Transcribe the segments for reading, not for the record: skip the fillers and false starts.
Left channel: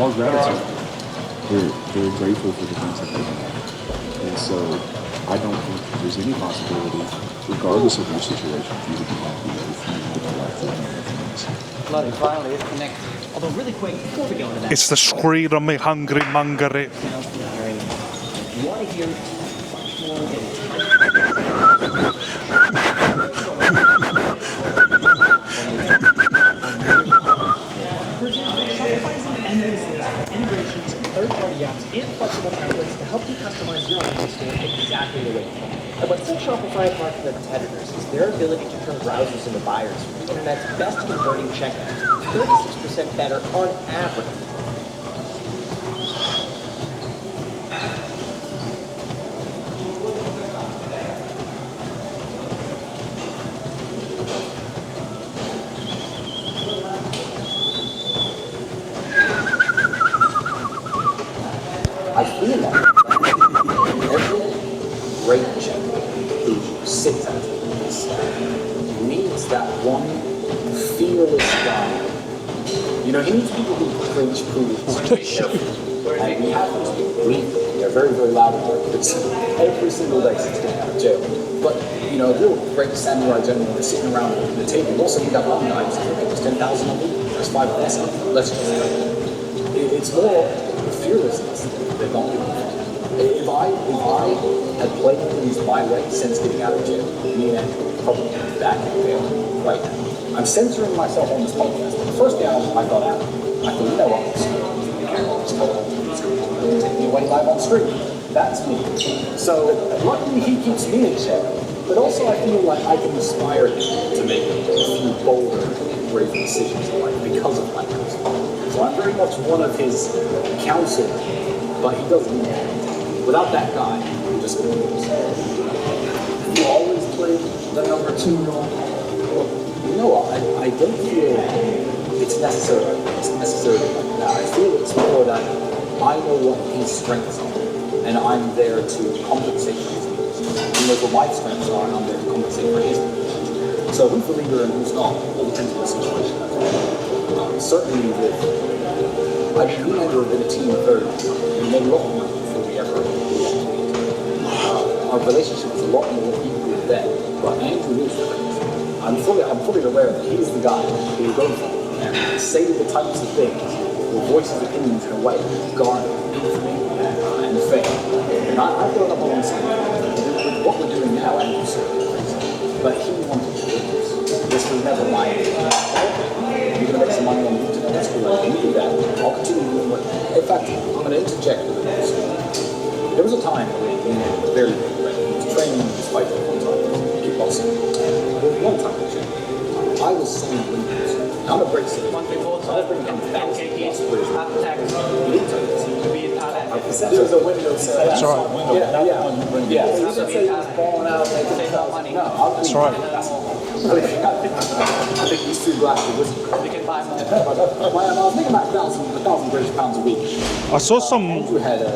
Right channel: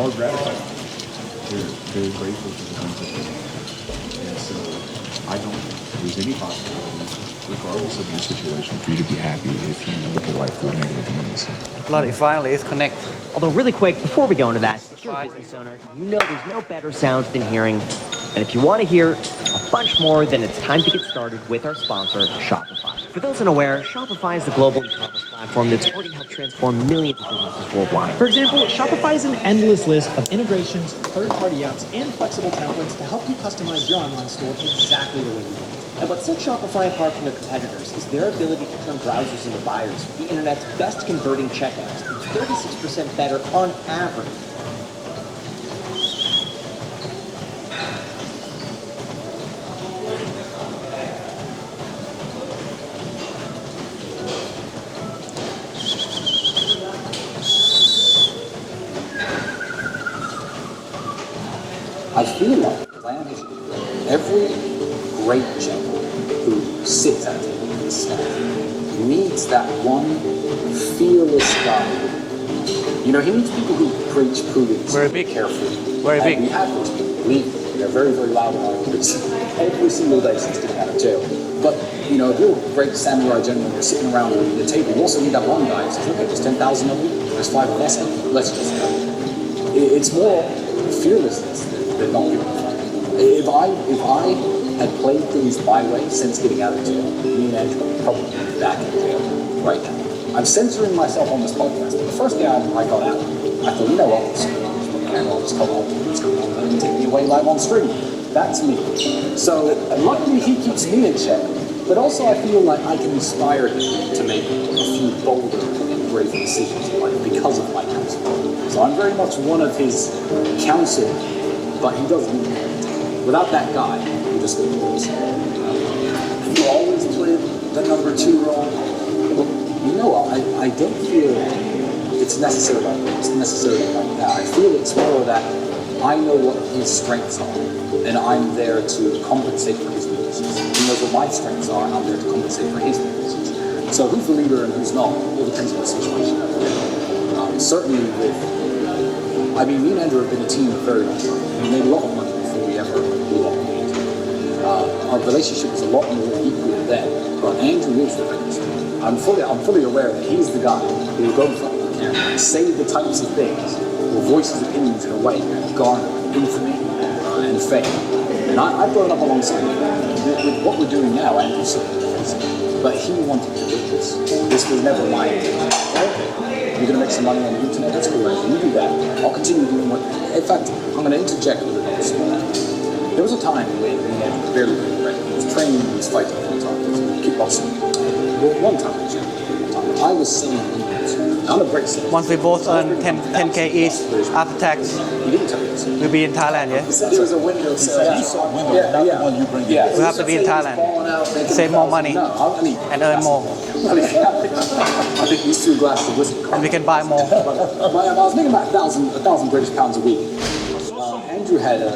Our gratitude. We're very grateful for the things that they have. And so I don't think there's any possibility, regardless of your situation, for you to be happy if you want the life that you have. Bloody finally, it's connected. Although really quick, before we go into that, It's the screaming, hungry, mungary. sounds been hearing, and if you want to hear a bunch more, then it's time to get started with our sponsor, Shopify. If you wasn't aware, Shopify is a global platform that's for millions worldwide. For example, Shopify is an endless list of integrations, third-party apps, and flexible templates to help you customize your online store exactly the way you want. And what sets Shopify apart from their competitors is their ability to turn browsers into buyers for the internet's best converting checkouts, 36% better on average. I feel like every great champion who sits at this needs that one fearless guy. You know, he needs people who preach prudence. Very big. Very big. We have those people. They're very, very loud and every single day since getting out of jail. But, you know, real great samurai gentlemen are sitting around the table. You also need that one guy who says, hey, there's 10,000 of you, there's 5 of us, let's just go. It's more fearlessness than not giving a fuck. If I had played things my way since getting out of jail, me and Andrew would probably be back in jail right now. I'm censoring myself on this podcast, but the first day I got out, I thought, you know what, I was told he's going to take me away live on stream. That's me. So luckily he keeps me in check, but also I feel like I can inspire him to make a few bolder and brave decisions in life because of my counsel. So I'm very much one of his counsel, but he doesn't need that. Without that guy, we're just going to lose. You always played the number 2 role. You know, I don't feel it's necessarily like that. I feel it's more that I know what his strengths are, and I'm there to compensate for his weaknesses. He knows what my strengths are, and I'm there to compensate for his weaknesses. So who's the leader and who's not? All depends on the situation. Certainly with, I mean, me and Andrew have been a team of very, we made a lot of money before we ever belonged to each other. Our relationship is a lot more equal then, but Andrew is the best. I'm fully aware that he's the guy who will go for it and say the types of things or voice his opinions in a way that garner infamy and fame. And I've grown up alongside him. With what we're doing now, Andrew said it, but he wanted to do this. This was never my idea. You're going to make some money on YouTube, that's cool, and you do that. I'll continue doing what. In fact, I'm going to interject with a story. There was a time when we made a very big break. He was training in this fight all the time, kickboxing. One time, I was sitting in England. I'm a great citizen. Once we both earn 10K each after tax, He didn't tell us. we'll be in Thailand, yeah? There was a window. That's right. Yeah. We have to be in Thailand. Save more money and earn more. I think these 2 glasses of whiskey. And we can buy more. Well, I was thinking about 1,000 British pounds a week. I saw some Andrew had a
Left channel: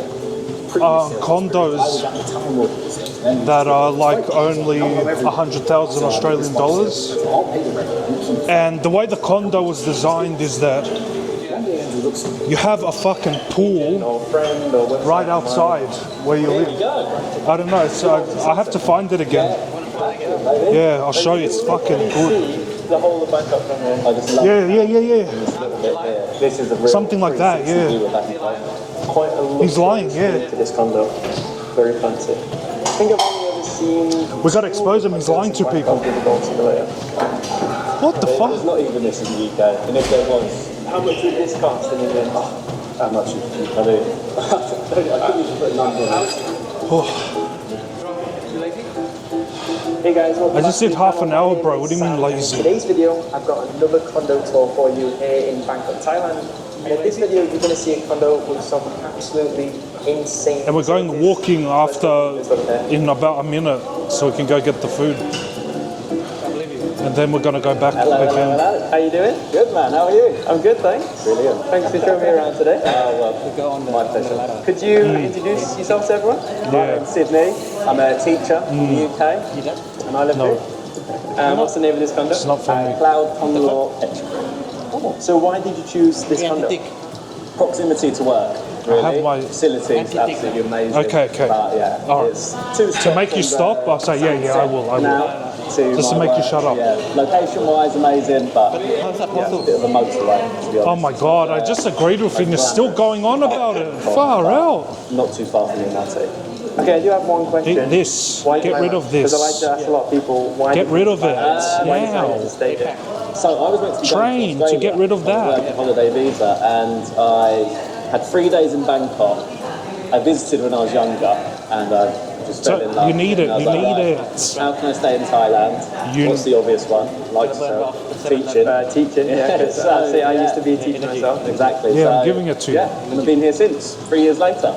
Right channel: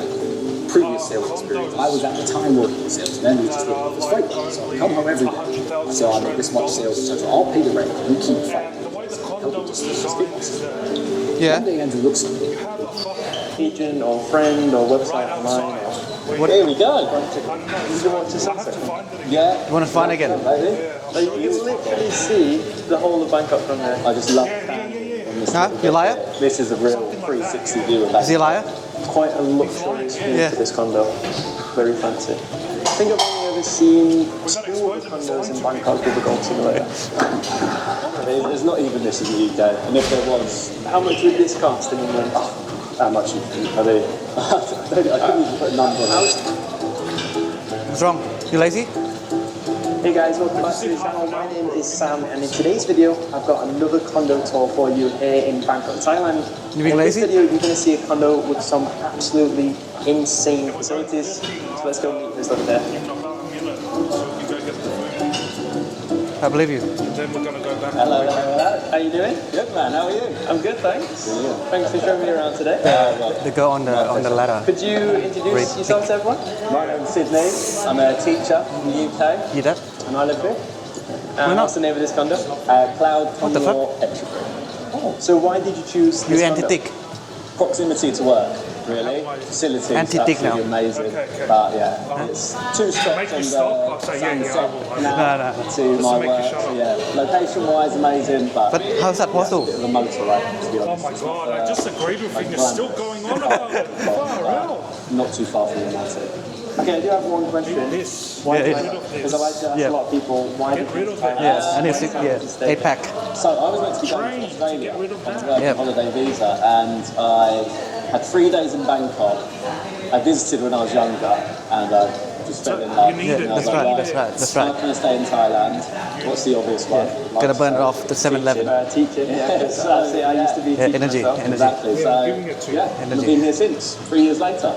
previous sales condos experience. I was at the time working in sales. And that are like only 100,000 Australian dollars. I'll pay the rent. You keep. And the way the condo was designed is that Yeah. One day Andrew looks at me. you have a fucking pool right outside where you live. I don't know, so I have to find it again. You want to find again? Yeah, I'll show you. It's fucking good. The whole of Bangkok from there. I just love Yeah. Huh? You liar? This is a real Something like that, 360 view of Is he a liar? Quite a lot He's lying, yeah. to this condo. Very fancy. I think I've only ever seen. We gotta expose him, he's lying to people. What the fuck? There's not even this in the UK. And if there was, how much would this cost in England? How much? I mean, I couldn't even put a number on it. What's wrong? You lazy? Hey guys, welcome I just back said to half an hour, bro. What do you mean Sam, and lazy? In today's video, I've got another condo tour for you here in Bangkok, Thailand. You being In this lazy? video, you're going to see a condo with some absolutely insane. And we're going facilities. walking So let's go after just look there. in about a minute so we can go get the food. I believe you. And then we're gonna go back Hello, again. hello, hello. How you doing? Good, man. How are you? I'm good, thanks. Brilliant. Thanks for showing me around today. We go on the ladder. Could you introduce yourself to everyone? My name's Sydney. I'm a teacher in the UK, You that? and I live here. And what's the name of this condo? not for me. Cloud Ponyor Estuary. So why did you choose this You condo? antique. proximity to work, really. my- Facility is Anti-tick absolutely now. amazing. Okay. But yeah, All right. it's two stops make you from stop? the I'll say, yeah, I sunset will. canal Just to to my make you work. shut up. Yeah, location-wise, amazing, but how's that a possible? bit of a motorway, to be honest. Oh my God, I just agreed with him. You're still going on about it. Far out. Not too far from United. Okay, I do have one question. This. Get rid of this. Because I like to ask a lot of people why. Get rid of it. Wow. 8-pack. So I was meant to be going Train to to Australia get rid of on a that. working holiday visa, and I had 3 days in Bangkok. I visited when I was younger, and I just fell So, in love. you need it, And I was you like, need right, it. That's How right. can I stay in Thailand? You- What's the obvious one? Gonna burn it off at the 7-Eleven. Teaching, yeah. That's it. I used to be a teacher energy, myself. energy. Exactly. Yeah, so, I'm giving it to you. Yeah, and I've been here since 3 years later,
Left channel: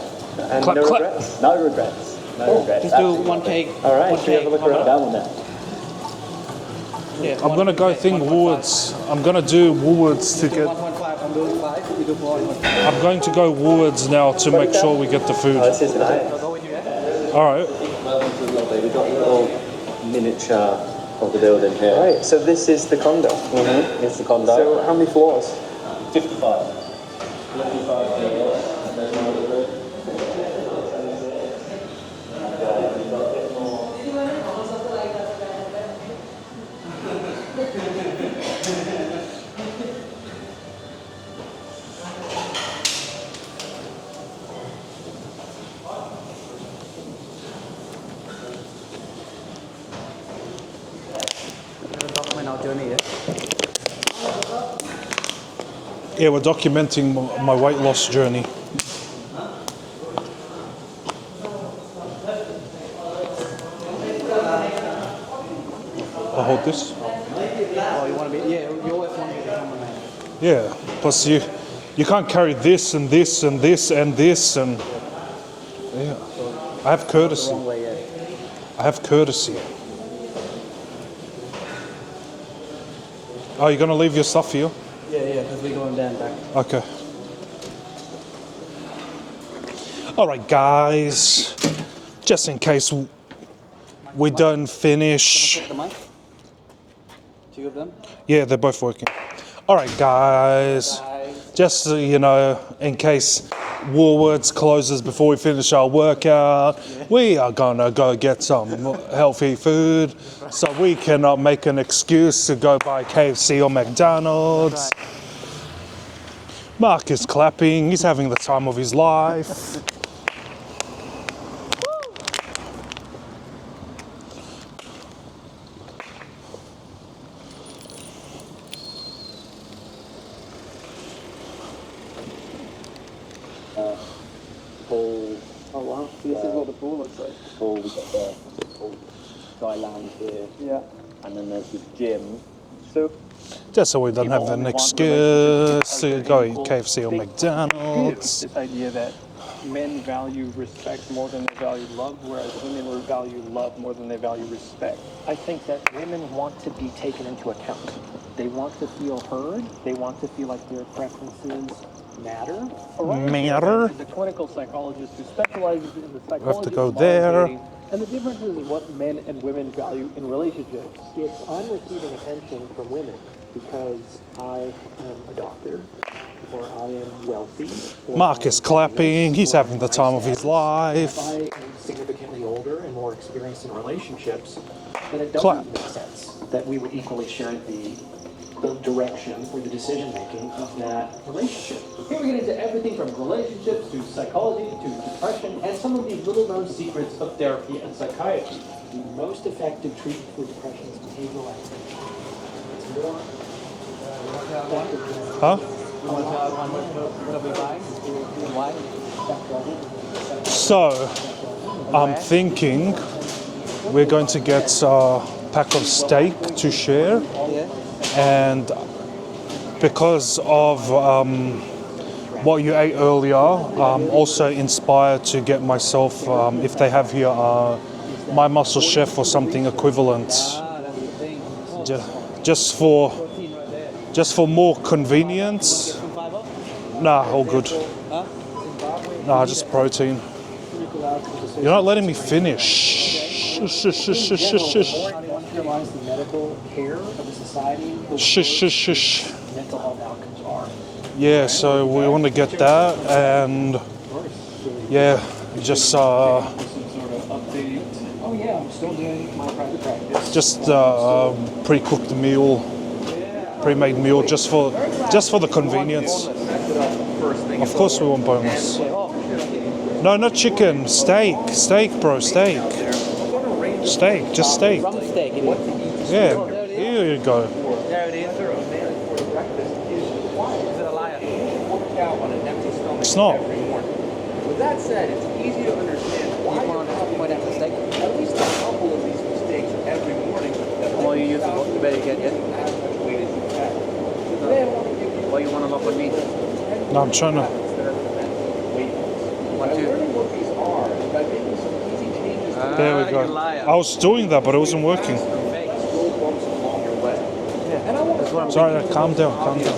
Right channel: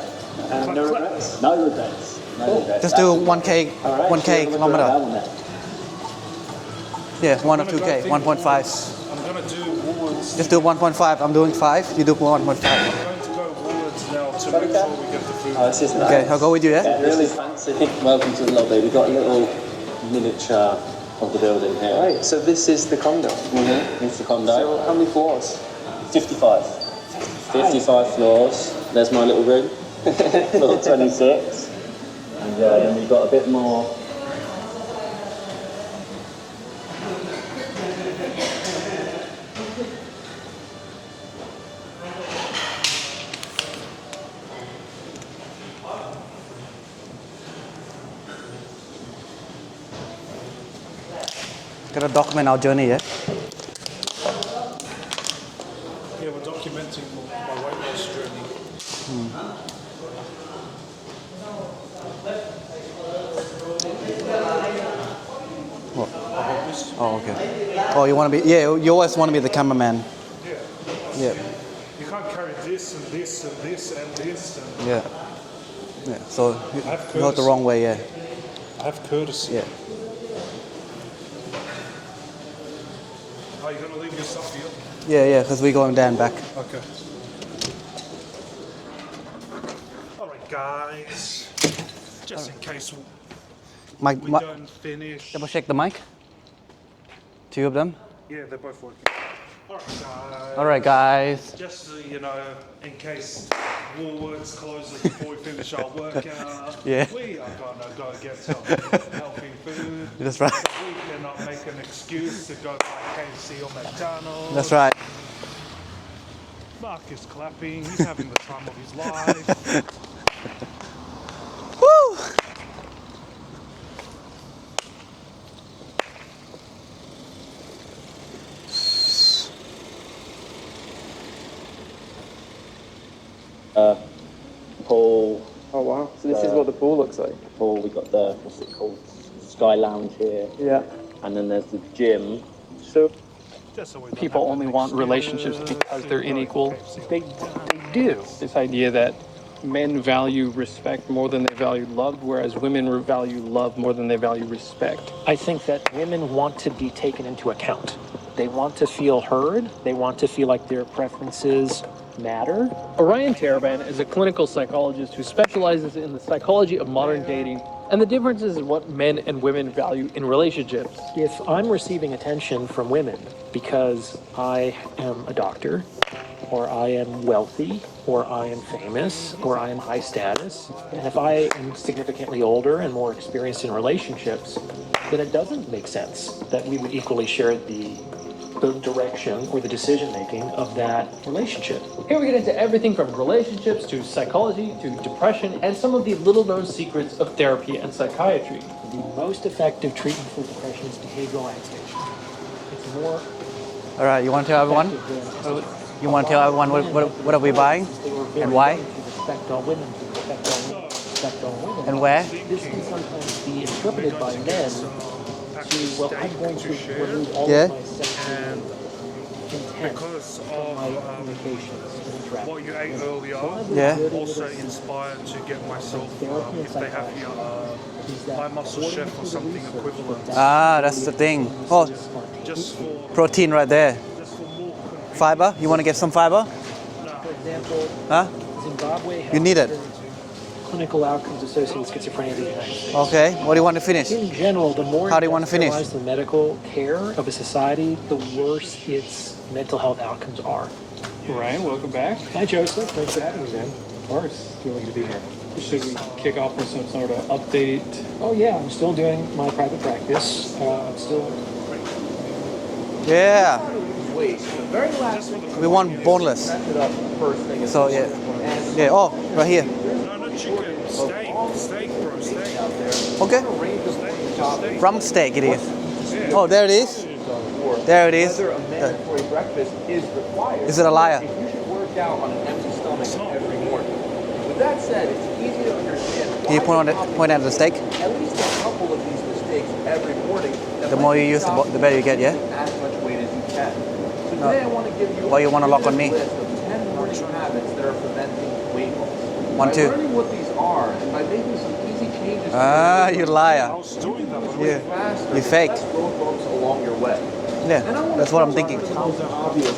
and Clap, no clap. regrets. No regrets. No regrets. Just do 1K, All right. 1K have a look around kilometer. down there. Yeah, I'm 1 gonna go 2K, think 1.5. Woolworths. I'm gonna do Woolworths. Just do 1.5. I'm doing 5. You do 1.5. I'm going to go Woolworths now to make sure we get the food. Oh, this is nice. Okay, I'll go with you, yeah? Really All right. fancy. Welcome to the lobby. We've got a little miniature of the building here. Right, so this is the condo. It's the condo. So how many floors? 55. 55 floors. There's my little room. Little 26. And then we've got a bit more. Gotta document our journey, yeah? Yeah, we're documenting my weight loss journey. I hold this. Oh, okay. Oh, you wanna be, yeah, you always wanna be the cameraman. Yeah. Plus you can't carry this and this and this and this and Yeah. So, I have not courtesy. the wrong way, yeah. I have courtesy. Yeah. Oh, you're gonna leave your stuff here? Yeah, because we're going down back. Okay. All right, guys. Just in case Mike, we Mike, don't double finish. check the mic. Two of them. Yeah, they're both working. All right, guys. All right, guys. Just so you know, in case Woolworths closes before we finish our workout, Yeah. we are gonna go get some healthy food. That's right. So we cannot make an excuse to go buy KFC or McDonald's. That's right. Mark is clapping. He's having the time of his life. Pool. Oh wow, so this is what the pool looks like. Pool. We've got the, what's it called? Sky Lounge here. Yeah. And then there's the gym. So Just so we don't have an only want excuse relationships to because go they're eat unequal. KFC or They McDonald's. This idea that men value respect more than they value love, whereas women value love more than they value respect. I think that women want to be taken into account. They want to feel heard. They want to feel like their preferences matter. Orion Matter. Fairbairn is a clinical psychologist who specializes in the psychology go of modern there. dating and the differences in what men and women value in relationships. If I'm receiving attention from women because I am a doctor, or I am wealthy, or Mark I is am clapping. famous, He's or having I'm the high time of his status, life. If I am significantly older and more experienced in relationships, then it doesn't Clap. make sense that we would equally share the direction or the decision making of that relationship. Here we get into everything from relationships to psychology to depression and some of the little-known secrets of therapy and psychiatry. The most effective treatment for depression is behavioral activation. It's more All right, you want to tell everyone? Huh? You want to tell everyone what are we buying and why effect on women. So, and I'm where? thinking we're going to get a pack of steak to share, Yeah. and because of what you ate earlier, Yeah. I'm also inspired to get myself, if they have here, My Muscle Chef or something equivalent. Ah, that's the thing. Oh, Just for protein right there. more convenience. Fiber? You want to get some fiber? Nah, all good. Huh? Zimbabwe Nah, You need just it. protein. clinical outcomes associated You're not letting me with finish. Okay. What do you want to finish? In general, the more How do you want to finish? industrialized the medical care of a society, the worse Shush, shush, its shush. mental health outcomes are. Yeah, so we want to get that, and yeah, just Kick off with some sort of update. Oh yeah, I'm still doing my private practice. just pre-cooked meal, Yeah. pre-made meal, just for the We want convenience. boneless. Of course, we want boneless. Yeah. Oh, right here. No, not chicken. Steak, bro. Steak. Okay. Steak. Just steak. From steak it is. Yeah. Oh, there it is. Here you go. There it is. Is it a liar? It's not. With that said, it's easy to understand Can you point out the steak? at least a couple of these mistakes every morning. The more you use, the better you get, yeah? As much weight as you can. So today I want to give you Why you want to lock on me? 10 No, I'm trying to. habits that are preventing weight loss. 1, By 2. learning what these are and by making some easy changes Ah, you I liar. was doing that, but it wasn't working. You fake. along your way. Yeah, that's what I'm thinking. Calm down. Calm down.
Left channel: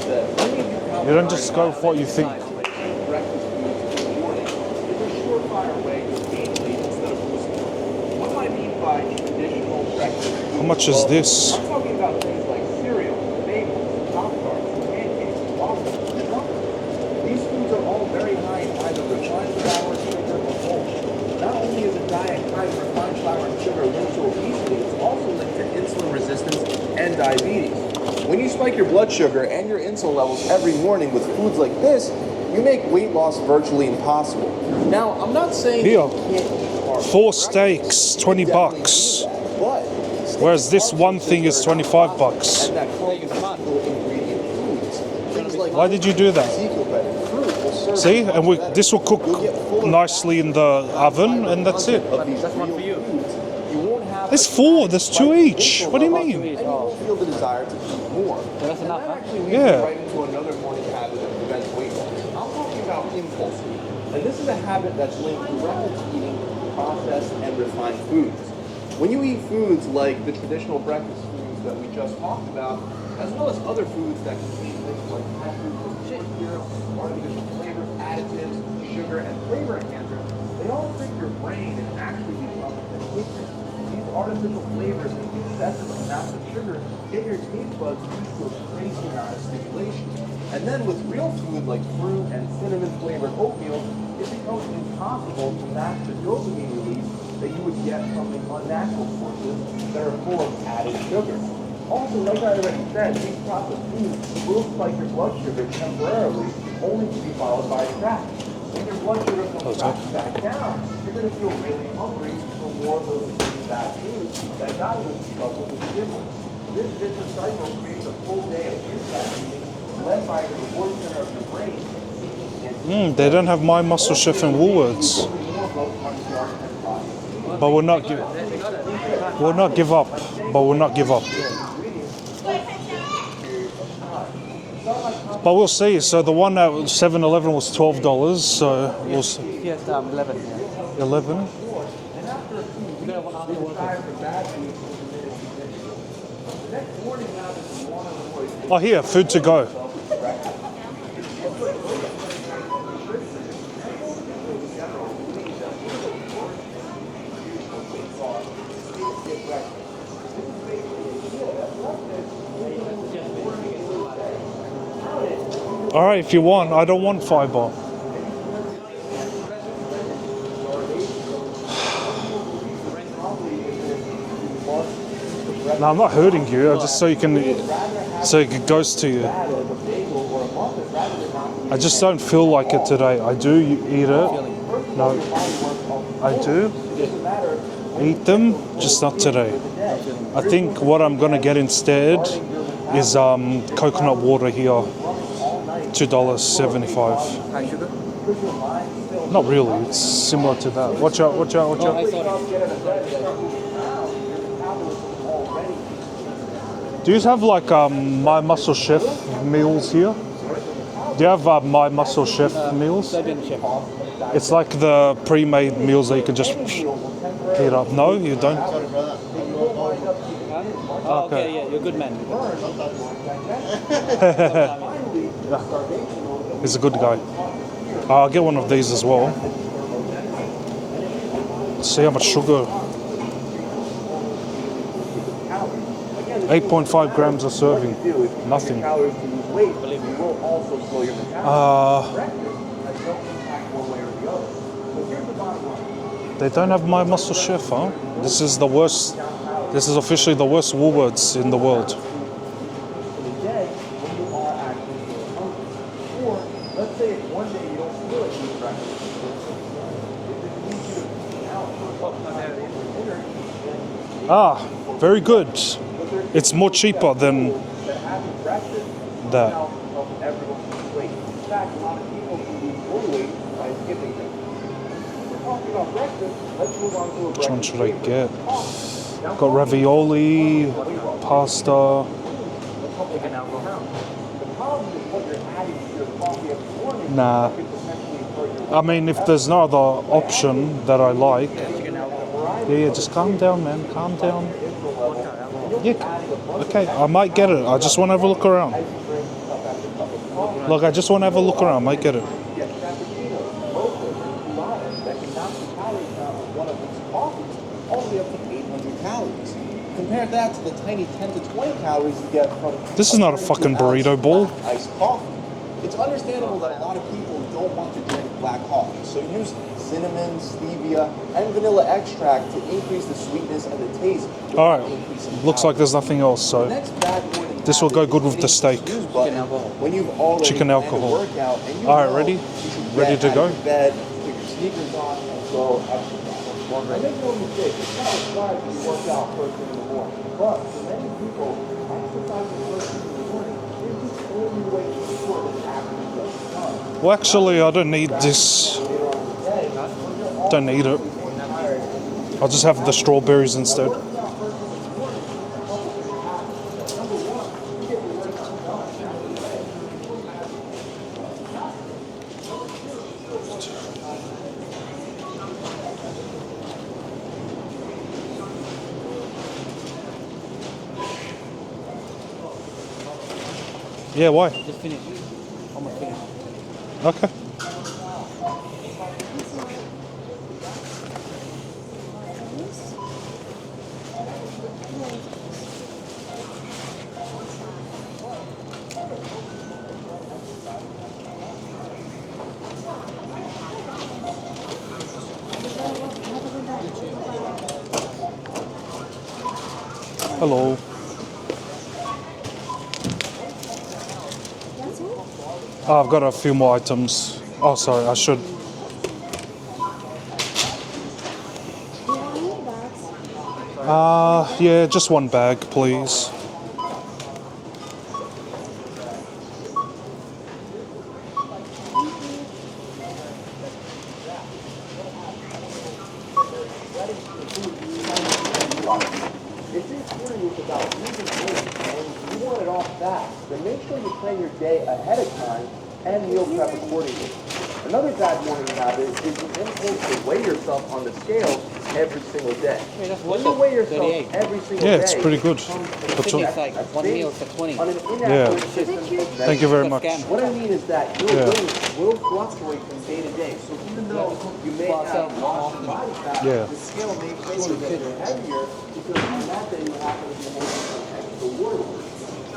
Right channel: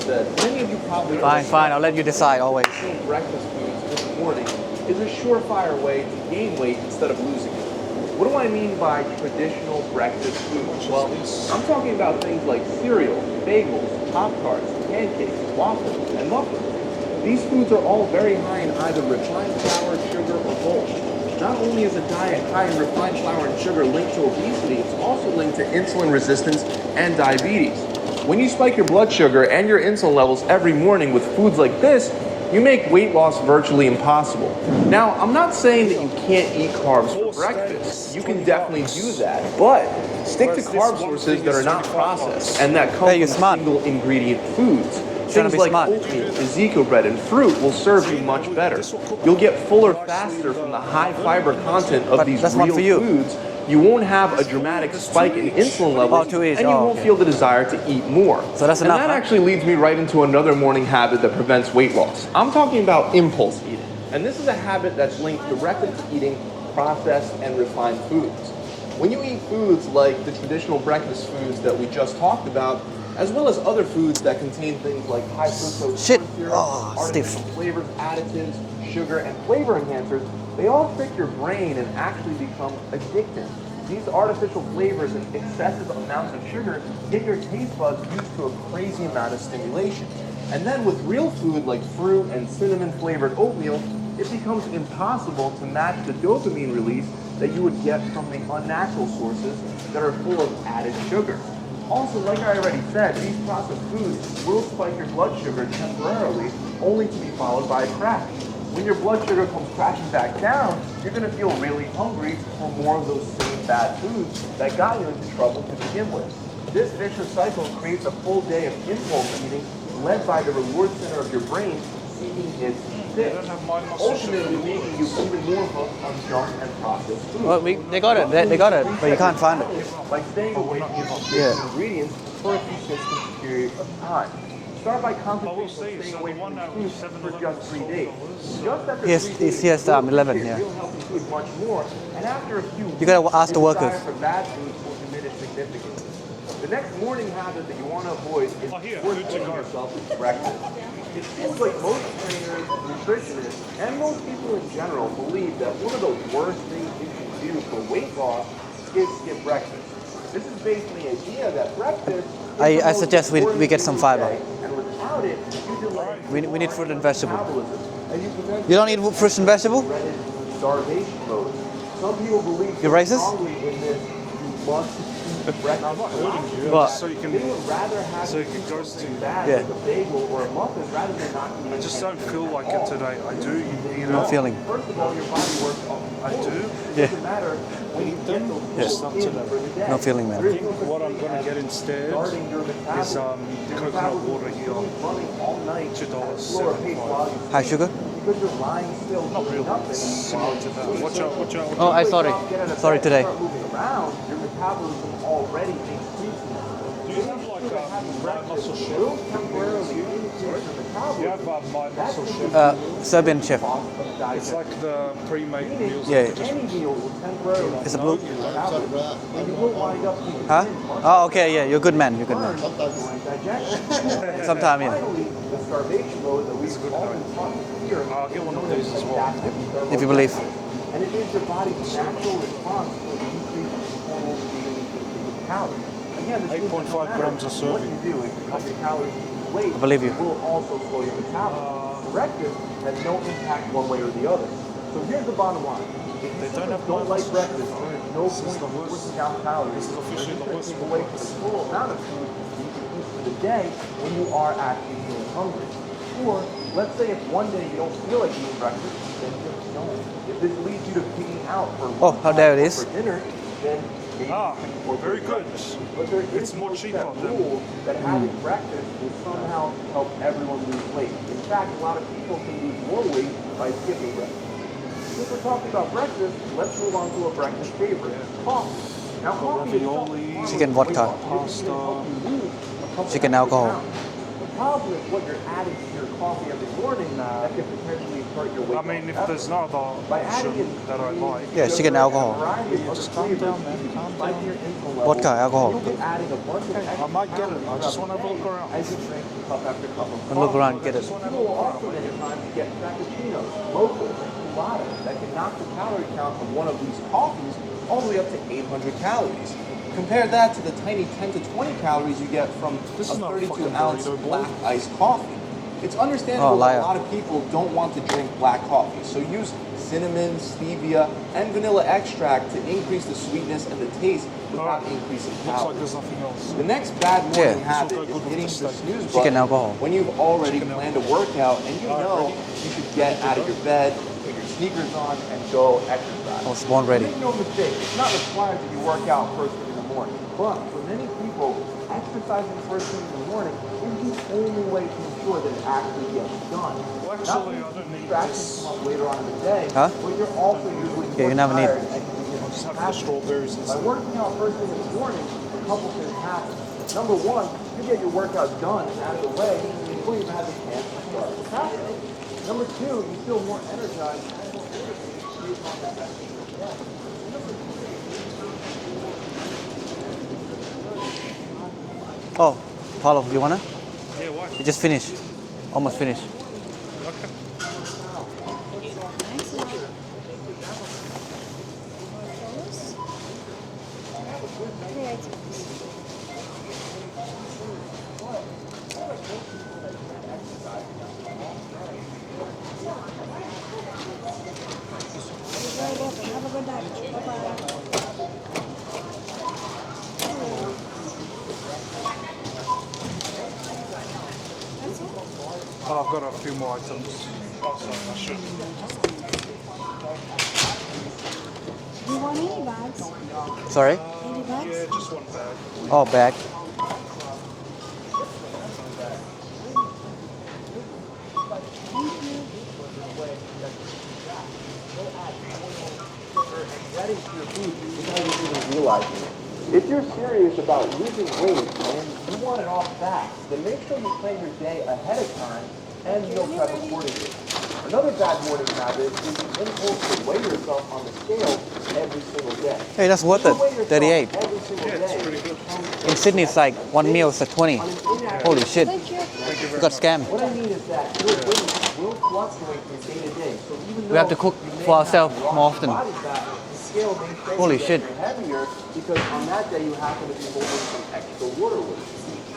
You don't Fine, just fine. go I'll for let you your decide thing. always. Breakfast foods in the morning is a surefire way to gain weight instead of losing it. What do I mean by traditional breakfast foods? How much is Well, this? I'm talking about things like cereal, bagels, Pop-Tarts, pancakes, waffles, and muffins. These foods are all very high in either refined flour, sugar, or mulch. Not only is a diet high in refined flour and sugar linked to obesity, it's also linked to insulin resistance and diabetes. When you spike your blood sugar and your insulin levels every morning with foods like this, you make weight loss virtually impossible. Now, I'm not saying Here. you can't eat carbs. 4 for breakfast. steaks, You 20 can definitely bucks. do that, but stick Whereas to this carb one sources thing that is are not 25 processed bucks. and that come Yeah, you're from smart. single ingredient foods. Trying to Things be like smart. Why did you do that? Ezekiel bread and fruit will serve See, you much and we, better. this will cook You'll get fuller nicely in faster the from high oven, fiber and that's content it. of But these that's one real for you. foods. You won't have There's a 4, dramatic there's 2 spike in each. insulin What do you levels, mean? 2 each, and you oh, won't feel the desire to eat more. So that's enough, And that huh? actually leads me Yeah. right into another morning habit that prevents weight loss. I'm talking about impulse eating. And this is a habit that's linked directly to eating processed and refined foods. When you eat foods like the traditional breakfast foods that we just talked about, as well as other foods that contain things like high fructose Shit. corn syrup, Oh, stiff. artificial flavors, additives, sugar, and flavor enhancers, they all trick your brain and actually become addictive. These artificial flavors and excessive amounts of sugar get your taste buds used to a crazy amount of stimulation. And then with real food like fruit and cinnamon flavored oatmeal, it becomes impossible to match the dopamine release that you would get from the unnatural sources that are full of added sugar. Also, like I already said, these processed foods will spike your blood sugar temporarily, only to be followed by a crash. When your blood sugar comes crashing back down, you're going to feel really hungry for more of those same bad foods that got you into trouble to begin with. This vicious cycle creates a full day of impulse eating led by the reward center of your brain seeking instant They don't have My Muscle Chef in Woolworths. Well, But we're not they got it. They got it. But you can't We'll find not it. give up. But we'll not give up. ingredients for a consistent period of time. Start by But we'll see. So the one at 7-Eleven was $12. So it Yes, was it's yes, 11 here. 11. and after a few You gotta ask the workers. desire for bad foods will diminish significantly. The next morning habit that you want to avoid is Oh, here, food to go. breakfast. It seems like most trainers, nutritionists, and most people in general believe that one of the worst things you can do for weight loss is skip breakfast. This is based on the idea that breakfast I suggest we get some fiber. and without it, you All right, if you We want. need I fruit don't and want vegetable. fiber. You don't eat fruits and vegetable? starvation mode. Some people believe You're racist? strongly in this must eat the breakfast No, I'm not hurting you. Just so you can, so it goes to you. Yeah. bagel or a muffin rather than not I just don't feel like it today. I do eat No it. feeling. No, I do eat them, just not today. No feeling, I man. think what I'm gonna get instead is coconut water here, $2.75. High sugar? Not really. It's similar to that. Watch out! Watch out! Watch Oh, out! I sorry. Sorry today. Do you have like My Muscle Chef meals here? Do you have My Muscle Chef meals? Serbian chef. It's like the pre-made meals that you Yeah. can just heat up. No, you don't. Huh? Oh, okay, yeah. You're a good man. You're a good man. Sometime, yeah. He's a good guy. I'll get one of these as well. If you believe. See how much sugar. 8.5 grams a serving. Nothing. I believe you. control your metabolism. Breakfast has no impact one way or the other. So here's the bottom line. They don't have My Muscle Chef, huh? This is the worst. This is officially the worst Woolworths in the world. For the day, you are actually hungry. Or let's say if one day you don't feel like eating breakfast, this leads you to picking out. Oh, there it is. For dinner, then Ah, very good. It's more cheaper than that having breakfast that. somehow helps everyone lose weight. In fact, a lot of people lose weight by skipping it. If we're talking about breakfast, let's move on to a breakfast Which one should I favorite, get? coffee. Now, Got ravioli, Chicken vodka. pasta. Chicken alcohol. the problem is what you're adding to your coffee every morning Nah. that could potentially hurt your weight. I mean, if there's no other option that I like. Yeah, chicken alcohol. Yeah, just calm down, man. Calm down. Vodka alcohol. Okay, I might get it. I just want to have a look around. Look around. Look, I just want to have a look around. Might get it. That can knock the calorie count of one of these coffees all the way up to 800 calories. Compare that to the tiny 10 to 20 calories you get from This is not a fucking burrito bowl. black iced coffee. It's understandable Oh, that liar. a lot of people don't want to drink black coffee, so use cinnamon, stevia, and vanilla extract to increase the sweetness and the taste. All right. Increasing Looks like there's nothing else, the so next bad Yeah, this will go good with the steak. Chicken alcohol. When you've already Chicken planned a alcohol. workout and you All right, know ready? you should Ready get to out go? of bed, put your sneakers on, and go exercise. Oh, spawn ready. Make no mistake, it's not required that you work out first thing in the morning. But many people exercising first thing in the morning is the only way to ensure that it actually gets done. Well, actually, I don't need this. Later on today, Huh? when you're all Don't need it. Yeah, you never need. I'll just have the strawberries instead. working out first thing in the morning, a couple things happen. Number one, you get your workout done and out of the way before you have a chance to start procrastinating. Number two, you feel more energized. Oh, Paulo, you wanna? Yeah, why? Just finish. Almost finished. Okay. Hello. Oh, I've got a few more items. Oh, sorry, I should. Sorry? Yeah, just one bag, please. Oh, bag. If you're serious about losing weight and you want it off fast, then make sure you plan your day ahead of time and meal prep accordingly. Another bad morning habit is you to weigh yourself on the scale every single day. Hey, that's worth When you weigh it. yourself 38. every single Yeah, it's day, pretty good. In Sydney, it's like one meal is at 20. Yeah. Holy shit. Thank you very Got much. scammed. What I mean is that your Yeah. weight will fluctuate from day to day. So even We have to though cook you may for have ourselves more lost often. body fat, Yeah. the scale may claim Holy that shit. you're heavier because on that day you happen to be holding some extra water weight.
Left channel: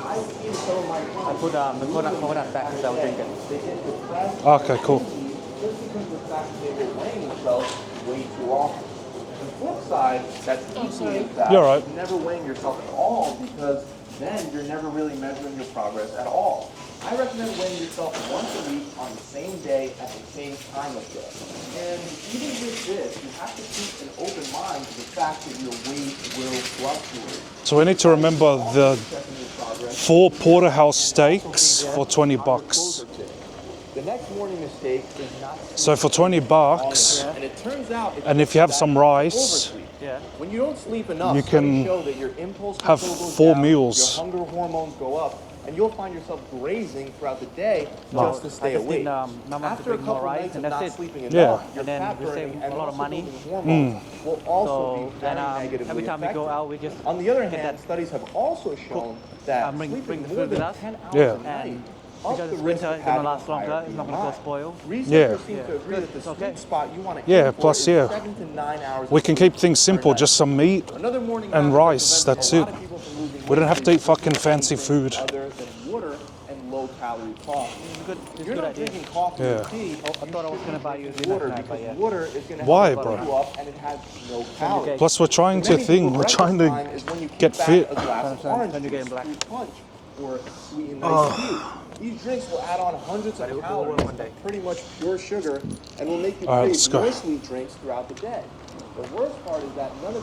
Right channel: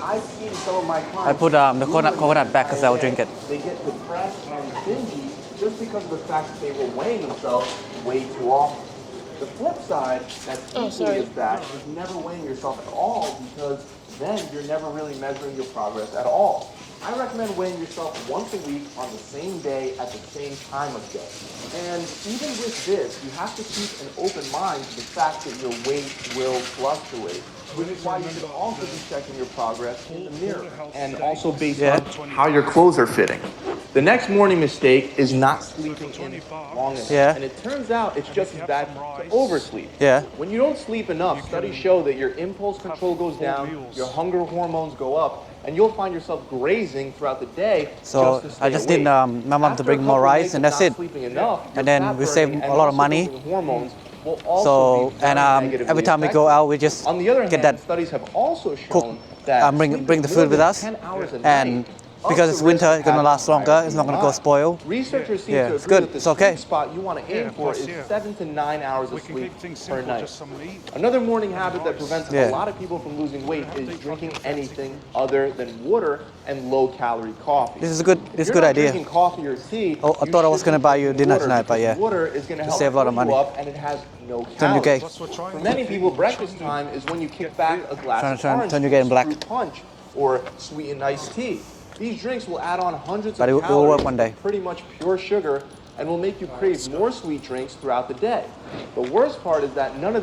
I've seen some of my clients. I put the coconut back because I'll drink it. They get depressed. Okay, cool. Just because of the fact that they were weighing themselves way too often. The flip side, that's equally as bad. You're right. Never weighing yourself at all because then you're never really measuring your progress at all. I recommend weighing yourself once a week on the same day at the same time of day. And even with this, you have to keep an open mind to the fact that your weight will fluctuate. So we need to remember the Checking your progress 4 porterhouse and also steaks based for 20 how your bucks. clothes are fitting. The next morning mistake is not So for 20 bucks, Yeah. and it turns out it's and if just you have that some you rice, oversleep. Yeah. When you don't sleep enough, you studies can show that your impulse have control goes 4 down, meals. your hunger hormones go up, and you'll find yourself grazing throughout the day. So just to stay I just awake. need my mom to After bring a more couple rice days and of that's not it. sleeping Yeah. enough, And then fat we save burning a and lot of muscle money. building hormones will also So, be and very negatively every time we go affected. out, we just On the other get hand, that studies have also shown cook, that bring the food with us. 10 hours Yeah. a night And because it's winter, it's gonna last longer. It's not gonna go spoil. Researchers seem Yeah, to it's agree good. that the It's okay. sweet spot you want to Yeah, aim for plus, is yeah. 7 to 9 hours we of can sleep keep things per simple, night. just some meat. Another morning and habit that rice, prevents that's a lot it. of people from losing We don't weight have to is eat fucking drinking fancy anything food. other than water and low-calorie coffee. This is a good. This is a good idea. Drinking coffee or tea. Oh, I thought I was gonna buy you dinner tonight, but yeah. Water is going to Why? Save a lot of money. up and it has no Turn your calories. Plus, we're trying to Many people, think. We're trying to breakfast time is when you kick get back fit. a glass Trying of to turn- orange turn your game juice, black. fruit punch, or sweetened iced tea. These drinks will add on hundreds But of it will work calories, one day. pretty much pure sugar, and will make you All right, crave let's go. more sweet drinks throughout the day. The worst part is that none of them